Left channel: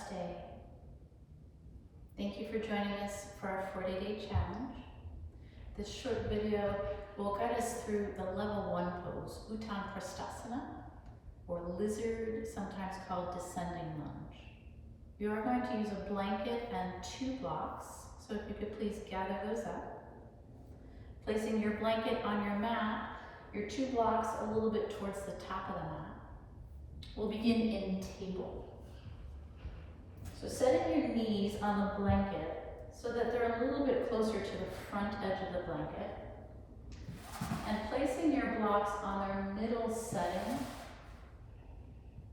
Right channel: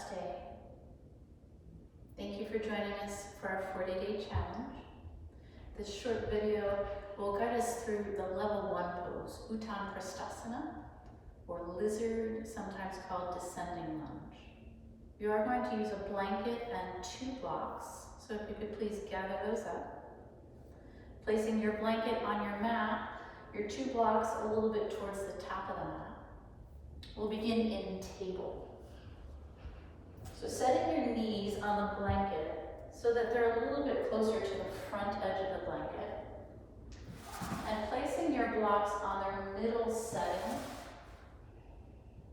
Namaste. Thank you for joining us for our 40-day challenge. This short video will guide us through the level 1 pose, Utthan Pristhasana, or lizard, sometimes called descending lunge. You are going to use a blanket and 2 blocks, so if you could please gather those up. Placing your blanket on your mat, your 2 blocks a little bit towards the top of the mat. We'll begin in table. So setting your knees on the blanket so that they're a little bit closer to the front edge of the blanket, and placing your blocks on their middle setting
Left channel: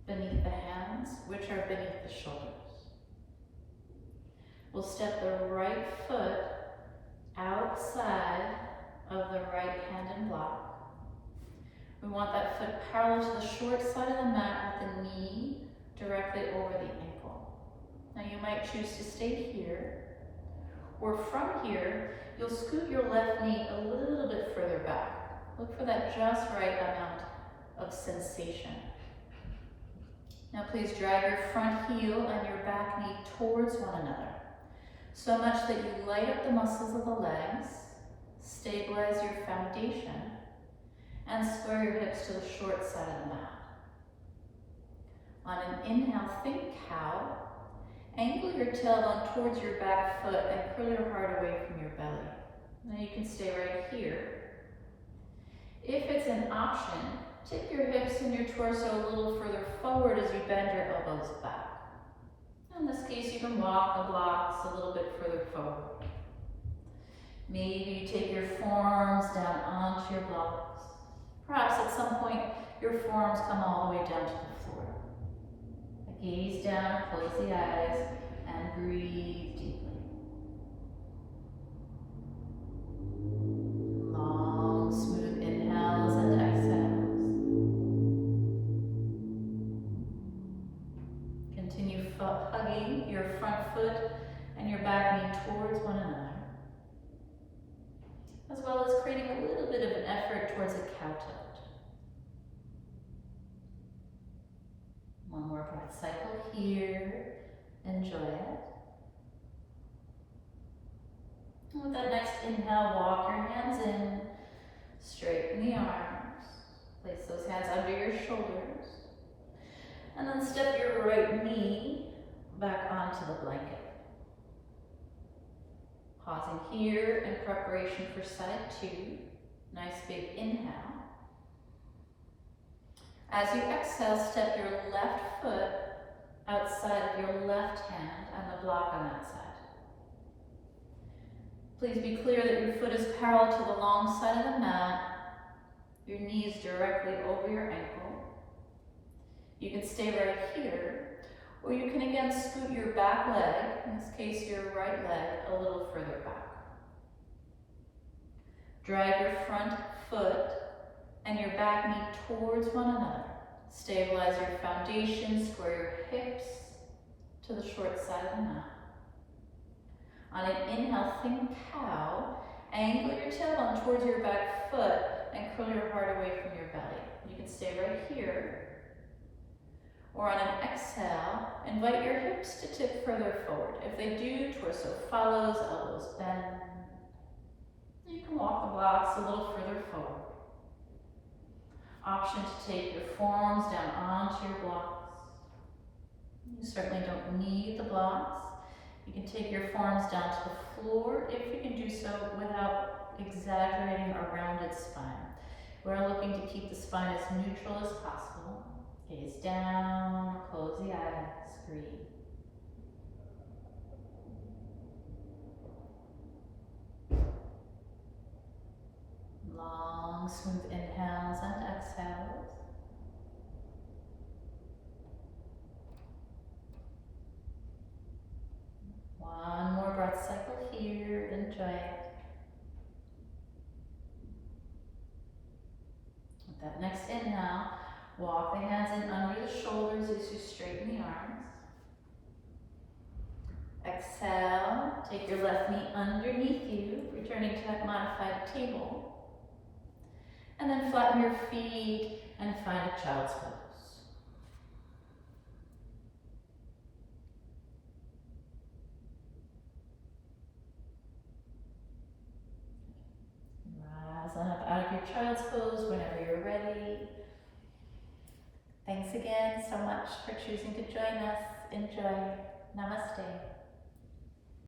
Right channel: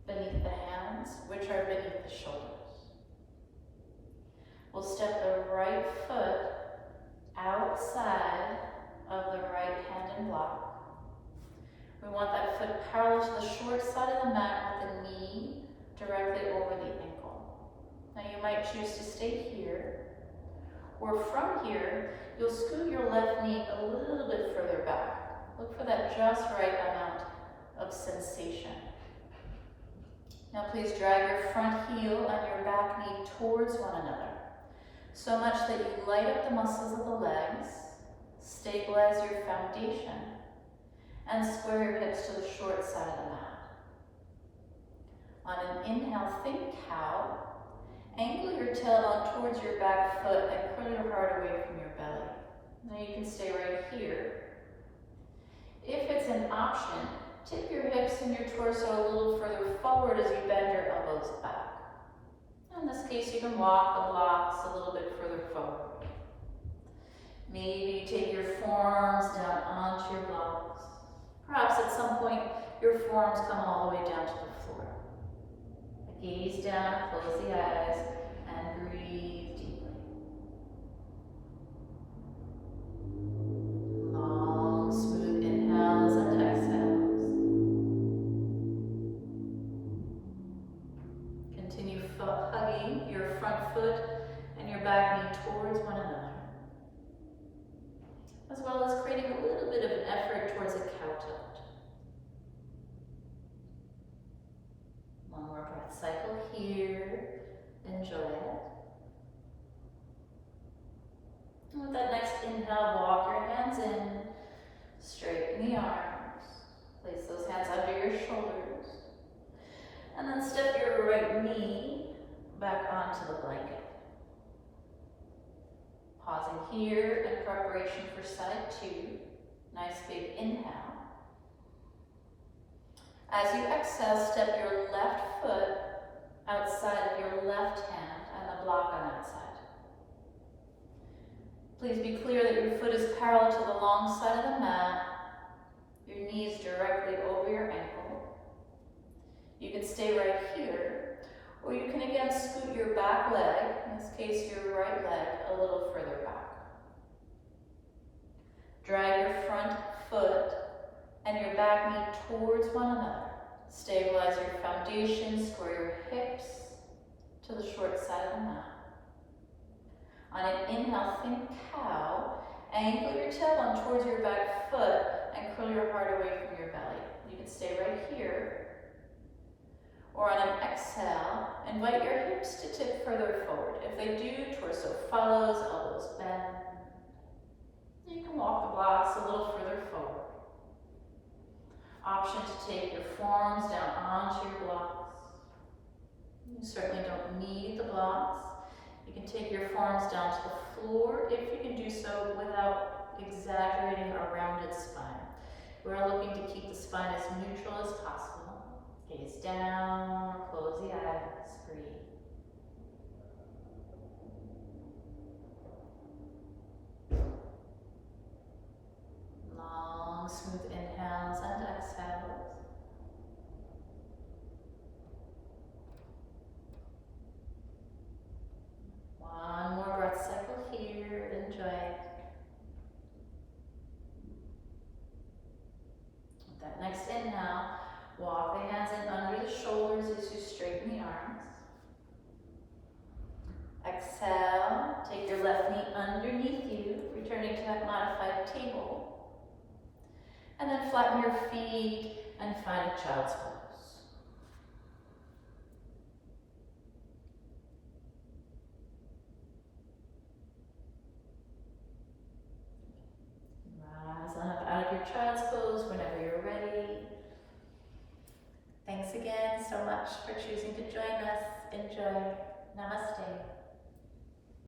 beneath the hands, which are beneath the shoulders. We'll step the right foot outside of the right hand and block. We want that foot parallel to the short side of the mat with the knee directly over the ankle. Now you might choose to stay here, or from here, you'll scoot your left knee a little bit further back. Look for that just right amount of sensation. Now please drag your front heel and your back knee towards one another, so much that you light up the muscles of the legs, stabilize your foundation, and square your hips to the short side of the mat. On an inhale, think cow. Angle your tailbone towards your back foot and curl your heart away from your belly. Now you can stay right here. If it's an option, tip your hips and your torso a little further forward as you bend your elbows back. In this case, you can walk the blocks a little bit further forward. Maybe you take your forearms down onto your blocks. Perhaps at some point, your forearms come all the way down to the floor. Gaze down, close the eyes, and breathe deeply. Long, smooth inhales and exhales. Continue hugging your front foot and your back knee towards one another, as well as creating a little bit of an effort towards a cow tilt. One more breath cycle here. Enjoy it. And with that next inhale, walk your hands in, straighten the arms, place those hands under your shoulders, and then step your right knee back onto the blanket. Pausing here in preparation for side 2. Nice big inhale. As you exhale, step your left foot outside of your left hand and the block on that side. Please be clear that your foot is parallel to the long side of the mat. Your knee is directly over your ankle. You can stay right here, or you can again scoot your back leg, in this case your right leg, a little further back. Drag your front foot and your back knee towards one another. Stabilize your foundation, square your hips to the short side of the mat. On an inhale, think cow. Angle your tailbone towards your back foot and curl your heart away from your belly. You can stay right here. Or on an exhale, invite your hips to tip further forward. If they do, torso follows, elbows bend. You can walk the blocks a little further forward. Option to take your forearms down onto your blocks. You certainly don't need the blocks. You can take your forearms down to the floor if you can do so without exaggerating a rounded spine. We're looking to keep the spine as neutral as possible. Gaze down, close the eyes, breathe. Long, smooth inhales and exhales. One more breath cycle here. Enjoy it. With that next inhale, walk the hands in under the shoulders as you straighten the arms. Exhale, take your left knee underneath you, returning to that modified table. And then flatten your feet and find a child's pose. child's pose whenever you're ready. Thanks again so much for choosing to join us. Enjoy. Namaste.